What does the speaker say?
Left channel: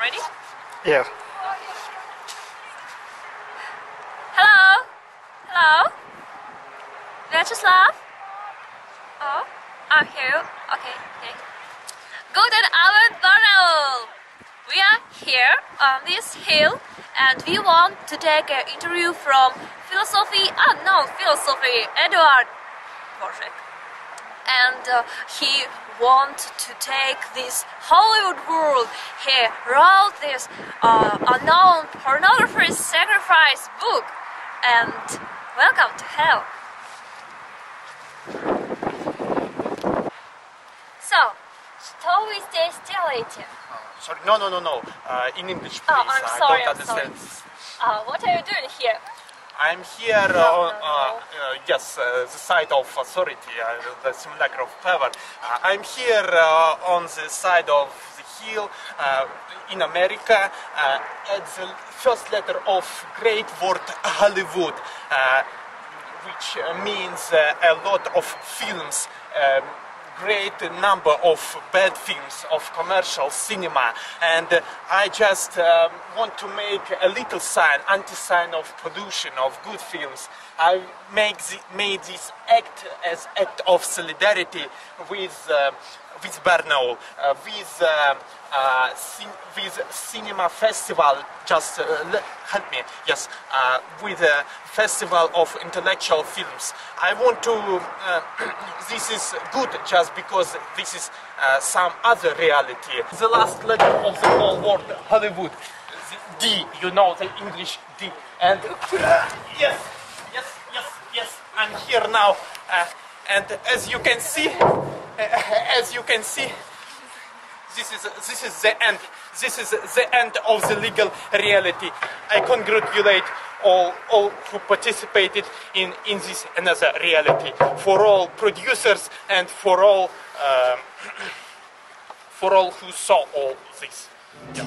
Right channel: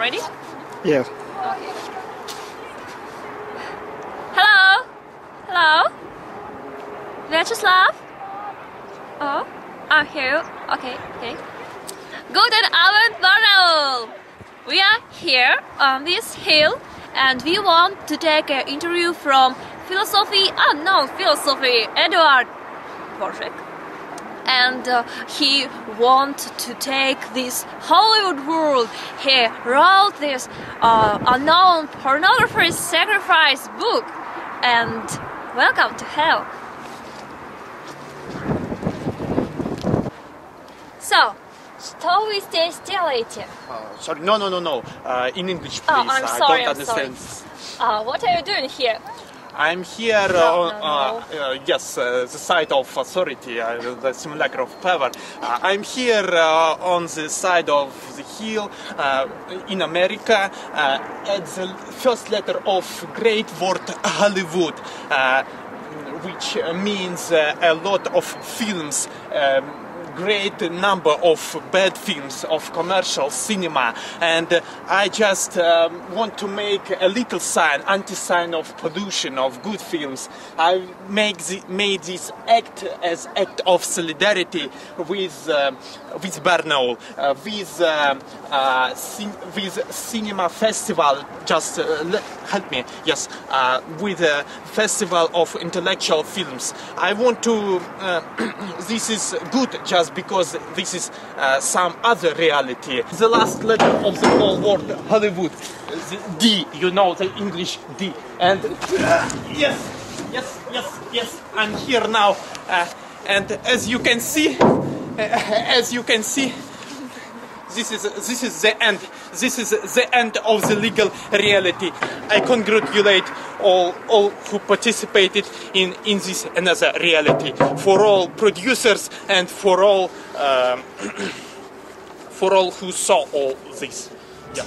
Ready? Yeah. Okay. Hello? Hello? Vyacheslav? Oh, I'm here. Okay. Guten Abend, Barnaul! We are here on this hill and we want to take an interview from philosophy, Edward Dvořák. And he wants to take this Hollywood world. He wrote this unknown pornography sacrifice book. And welcome to hell. So, что вы здесь делаете? Sorry, no. In English, please. Oh, I'm sorry, I don't understand. What are you doing here? I'm here No. the side of authority, the simulacre of power. I'm here on the side of the hill in America at the first letter of great word Hollywood, which means a lot of films, great number of bad films, of commercial cinema, and I just want to make a little sign, anti-sign of pollution, of good films. I made this act as act of solidarity with Barnaul, with cinema festival. Just help me. Yes, with a festival of intellectual films. I want to. This is good just because this is some other reality. The last letter of the whole word Hollywood, the D. You know the English D. And yes. I'm here now, and as you can see, this is the end. This is the end of the legal reality. I congratulate all who participated in this another reality. For all producers and for all who saw all this. Yes.